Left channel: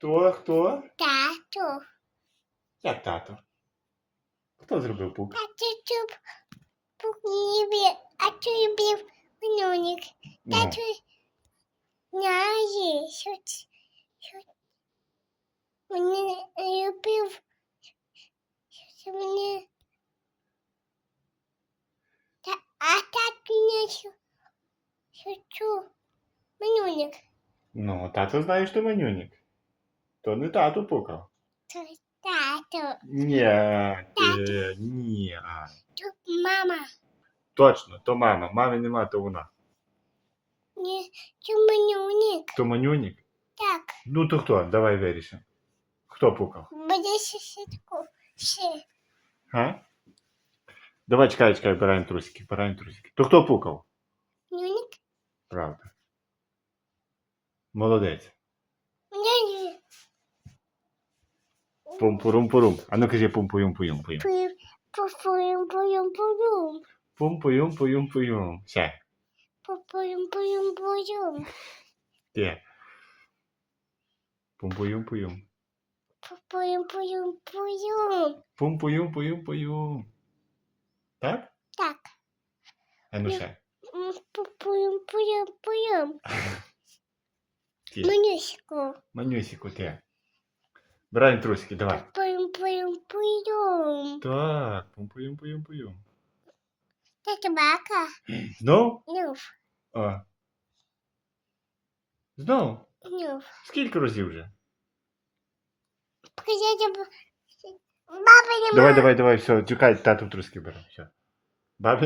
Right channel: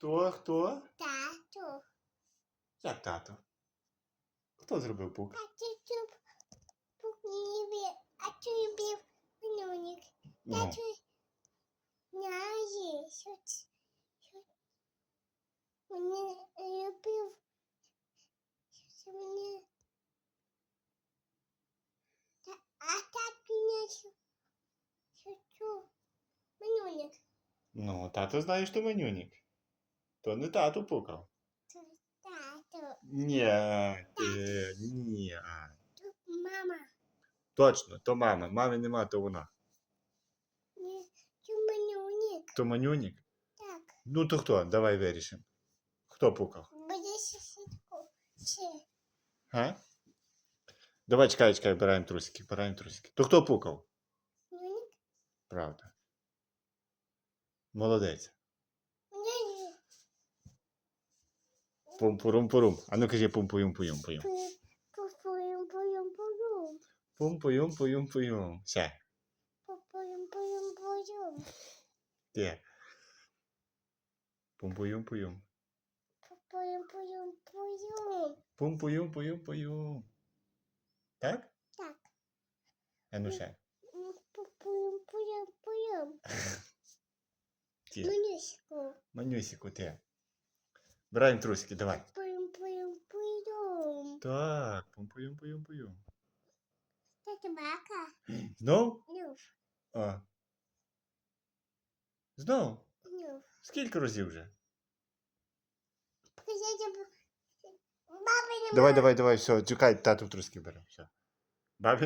Хто? Хто? Тату. Як тато? Хто зробив пук? Тату чуб. Пукнібі. А ти любив минулик. Ну, Тату. Знає, що ц- що мене любив. Що мене. Та, а тату не що. Що чу. Минулик. ну, тато знає, що манюнік. То не тату пукав. Це Тату. Ні, е, ні. Тут мама. Точно, то мама. Мами нема, то вона. Не, це минулик. То манюнік? Так. Ну то хто? Давай вирішимо. Хто пукав? Буде сусідку. Все. Га? Давай чекай, чекай, бираємо трусики, бираємо трусики. То хто пукав? Минулик. Правда. Молодець. Пум-пурум-пурум. А ну кажи пум-пуюм-пуюм-пуюм. Пуюм, пуюм, пуюм, пуюм. Пум-пуюм-пуюм-пуюм. Ще. Пуюм, пуюм, пуюм. Де? Пум-пуюм-пуюм. Пуюм, пуюм, пуюм. Пум-пуюм-пуюм-пуюм. Так? Так. А ну ще. М, пу- Пуюм, пуюм, пуюм. Ті. Манюську. Манюсіку, ти. Бираємо трусики, давай. Пуюм, пуюм, пуюм. Так, пум-пуюм-пуюм-пуюм. Це собака. Знов? Ну, А. Знов? ну. Скільки разів вже? Покажіть, б- баба не Давай, давай, давай, все, чекай, тату в труски бере. Все. Баби